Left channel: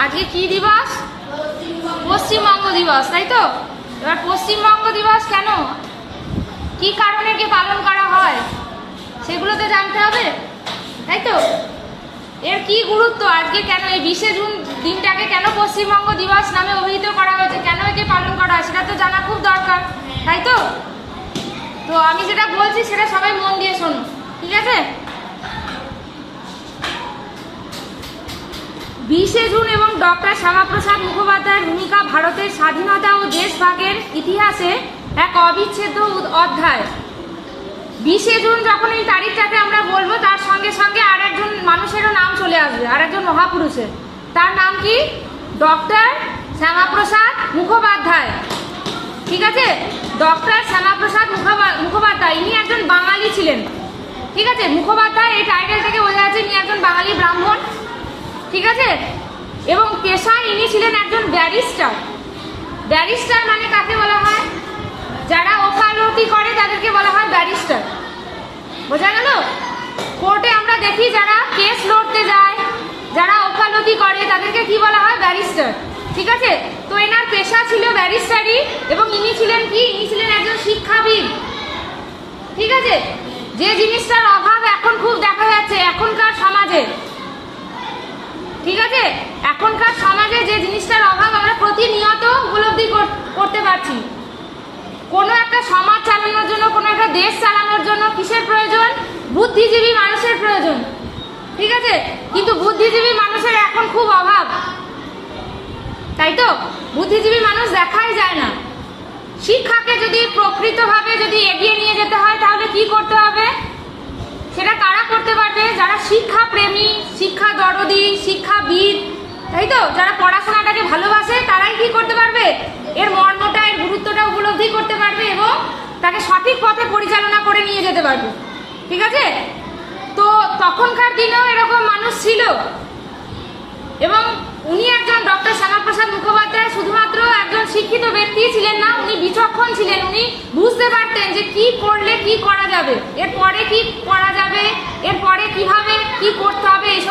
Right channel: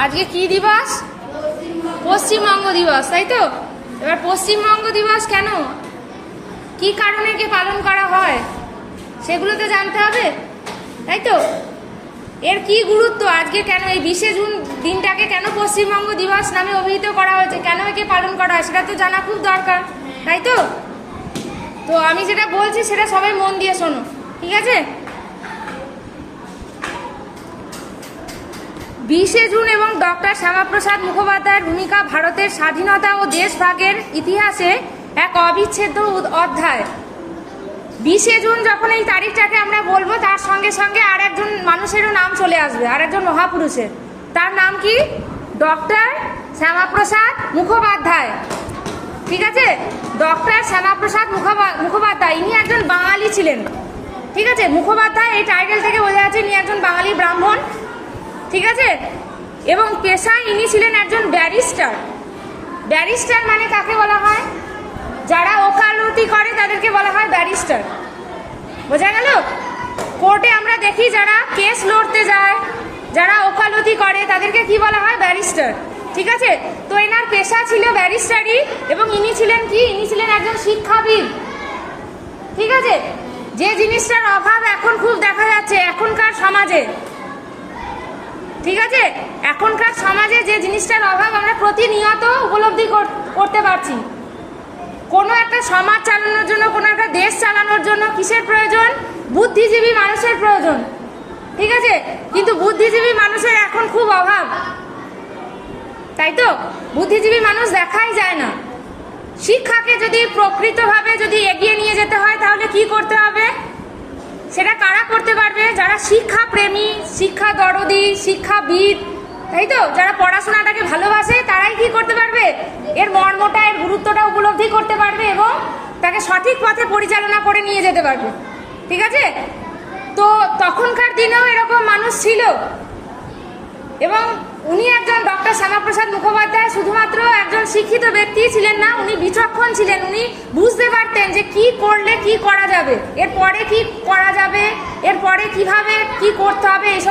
আজকে কি দিবস? পশ্চিমবঙ্গ দিবস, তাই তো? এবার পশ্চিমবঙ্গ দিবস কেন, কি কারণে কি পালন করা হয় সেগুলো তো জানতে হবে, তাই তো? এর কি গুরুত্ব, আজকে কেন এই 20শে জুন দিনটাকে কেন পশ্চিমবঙ্গ দিবস নামে অভিহিত করা হয়েছে, কেন একে পালন করা হয় সেটা তো জানা খুব দরকার, তাই তো? তো আমি যেটা বলছি সেটা সবাই মন দিয়ে শোনো, ঠিক আছে? 20শে জুন এবং ডক্টর শ্যামাপ্রসাদ মুখোপাধ্যায়ের ভূমিকা ভারতের স্বাধীনতা ও দেশভাগের ইতিহাসে এক অবিচ্ছেদ্য অধ্যায়। 20শে জুন যখন এই তারিখটাকে আমরা বলবো, তার সঙ্গে সঙ্গে আর একজন মানুষেরও নাম চলে আসবে, আর একজন মহাপুরুষের। তার নাম কি? ডক্টর শ্যামাপ্রসাদ মুখোপাধ্যায়, ঠিক আছে? ডক্টর শ্যামাপ্রসাদ মুখোপাধ্যায় ইনি একজন বাঙালি ছিলেন, ঠিক আছে? মুখোপাধ্যায় এই টাইটেল থেকে বোঝা যাচ্ছে ইনি একজন বাঙালি ব্রাহ্মণ, ঠিক আছে? এবং পেশায় ইনি ছিলেন একজন ব্যারিস্টার। ব্যারিস্টার মানে কাকে বলা হয়? যারা ওকালতি করে তাদেরকে বলা হয় ব্যারিস্টার, বোঝা গেল? কোর্টে আমরা দেখি যারা কেস লড়তে যায়, যারা ওকালতি করে তাদেরকে কি বলা হয়? ব্যারিস্টার, ঠিক আছে? তো এনার পেশা ছিল ব্যারিস্টারি, এবং ইনি ছিলেন কি? ইনি ছিলেন একজন শিক্ষাবিদ, ঠিক আছে? যে জিনিসটার অভাব এখন খুব দেখা যাচ্ছে এখনকার সমাজে, ঠিক আছে? এখনকার সমাজে যে জিনিসটার অভাব আমরা প্রতিনিয়ত উপলব্ধি করতে পারছি। কোনো একটা সমাজ চালানোর জন্য, কোনো একটা দেশ চালানোর জন্য কিসের প্রয়োজন? বুদ্ধিজীবী মানুষের প্রয়োজন, ঠিক আছে? কিন্তু বুদ্ধিজীবী মানুষের এখন খুব অভাব, তাই তো? বুদ্ধিজীবী মানুষ দেখাই যায় না। শিক্ষাকে যদি প্রকৃতভাবে যদি এগিয়ে নিয়ে যেতে হয় তাহলে কি করতে হবে? সেটা কারা করতে পারবে? যারা শিক্ষা প্রেমী, শিক্ষা দরদি, শিক্ষাবিদ, তাই তো? যারা পড়াশোনাটাকে ভালোবাসে তারাই কি করতে পারবে? এর মর্মটা, এর গুরুত্বটা উপলব্ধি করতে পারবে এবং তাকে সঠিক পথে পরিচালনা করে নিয়ে যেতে পারবে, ঠিক আছে? তো তখনকার দিনেও এরকম মানুষ ছিল, এবং উনি একজন ডক্টর শ্যামাপ্রসাদ মুখোপাধ্যায় শুধুমাত্র একজন শিক্ষিত ব্যক্তি ছিলেন না, উনি বিচক্ষণ ছিলেন। উনি বুঝতে পারতেন যে কি করলে কি করা যাবে, এরপরে কি করা যাবে, এরপরে কিভাবে কি করতে হবে, এসব